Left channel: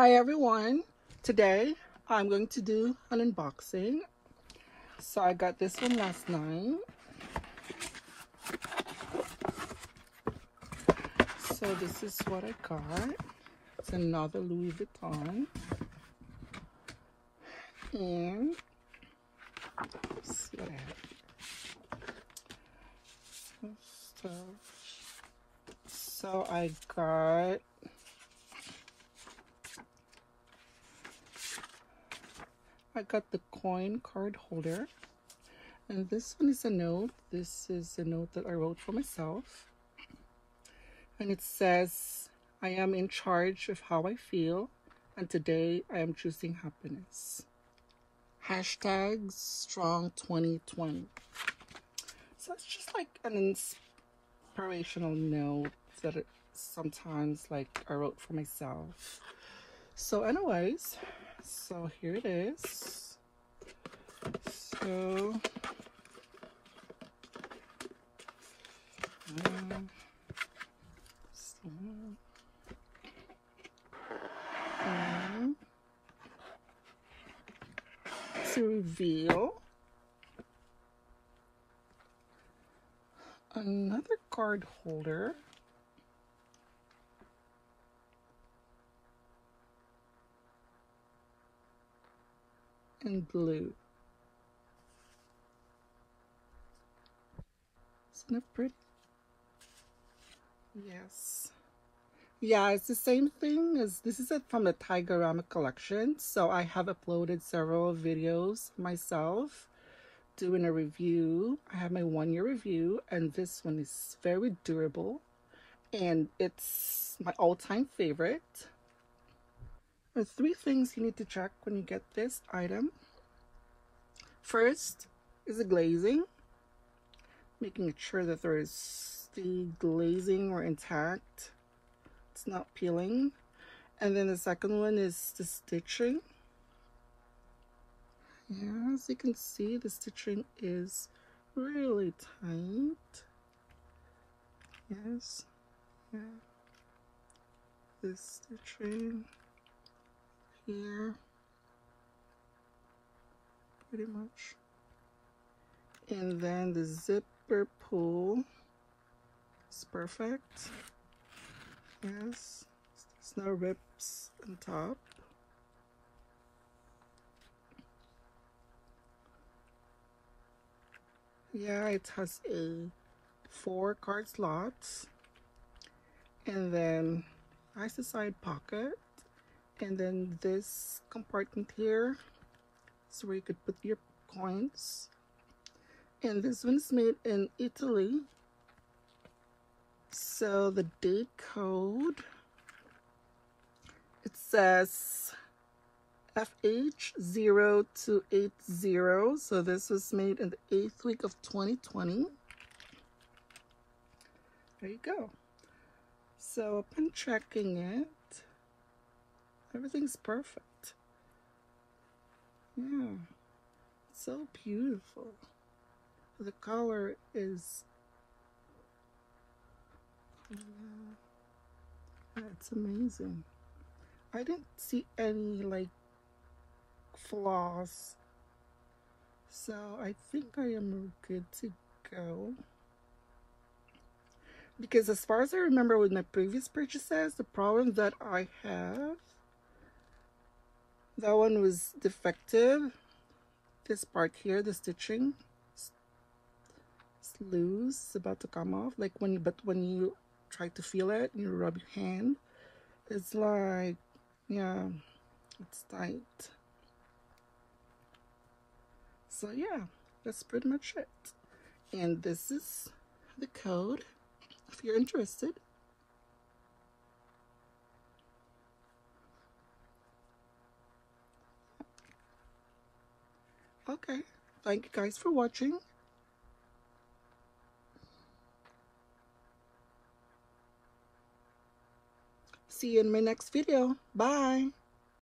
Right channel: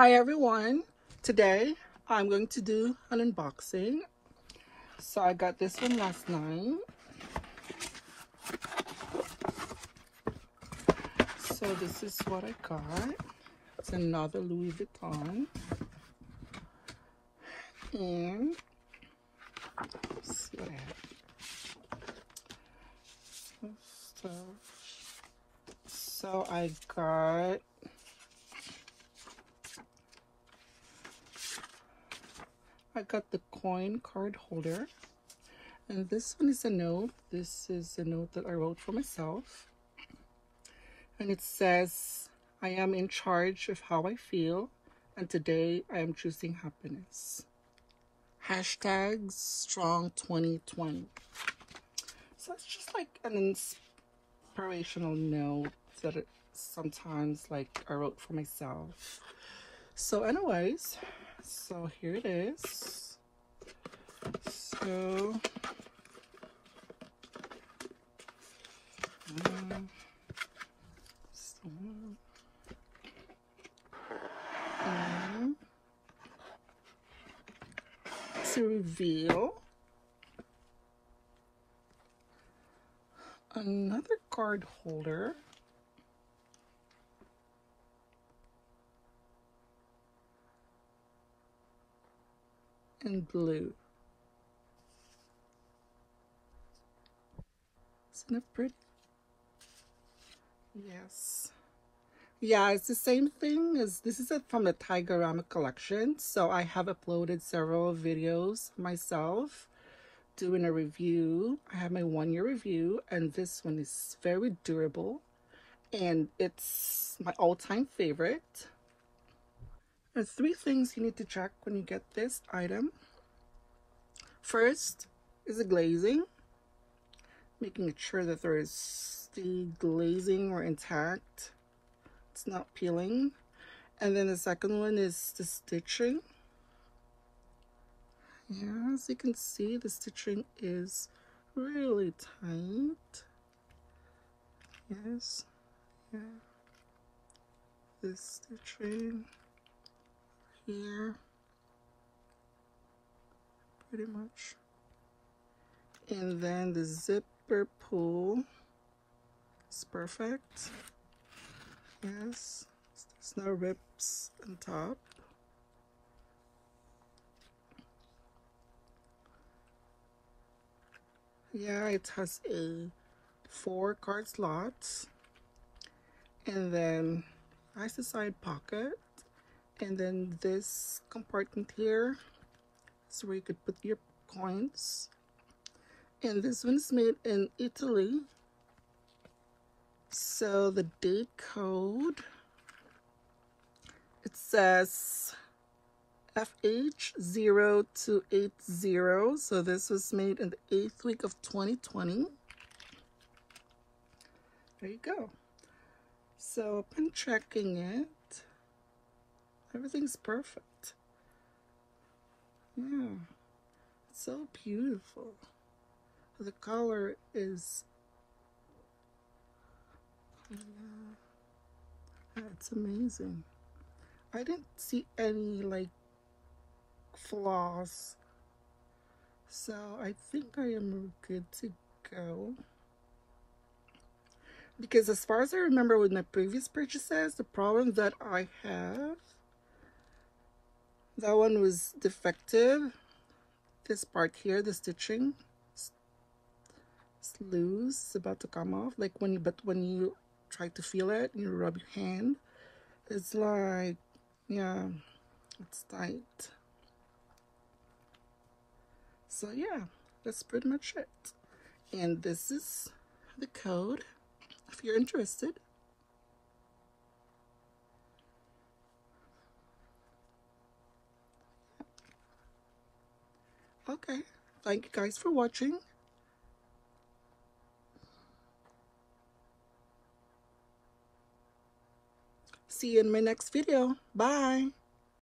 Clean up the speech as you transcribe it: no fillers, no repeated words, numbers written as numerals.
Hi everyone, today I'm going to do an unboxing. So I got this one last night. So this is what I got. It's another Louis Vuitton. And let's see. So I got the coin card holder, and this one is a note. This is a note that I wrote for myself, and it says, I am in charge of how I feel, and today I am choosing happiness. Hashtag strong 2020. So it's just like an inspirational note that sometimes like I wrote for myself. So anyways, so here it is. So to reveal another card holder. In blue. Isn't it pretty? Yes. Yeah, it's the same thing as this is from the Taigarama collection. So I have uploaded several videos myself doing a review. I have my 1-year review, and this one is very durable and it's my all-time favorite. There are 3 things you need to check when you get this item. First is the glazing, making sure that there is the glazing or intact, it's not peeling. And then the second one is the stitching. Yeah, as you can see, the stitching is really tight. Yes, yeah. This stitching here, pretty much. And then the zipper pull is perfect. Yes, there's no rips on top. Yeah, it has a 4 card slots, and then has a side pocket, and then this compartment here is where you could put your coins. And this one's made in Italy. So the date code, it says FH0280. So this was made in the 8th week of 2020. There you go. So upon checking it, everything's perfect. Yeah, so beautiful. The color is, it's amazing. I didn't see any like flaws, so I think I am good to go. Because as far as I remember with my previous purchases, the problem that I have, that one was defective. This part here, the stitching, it's loose, it's about to come off. Like when you try to feel it, you rub your hand, it's like, yeah, it's tight. So yeah, that's pretty much it. And this is the code if you're interested. Okay, thank you guys for watching. See you in my next video. Bye.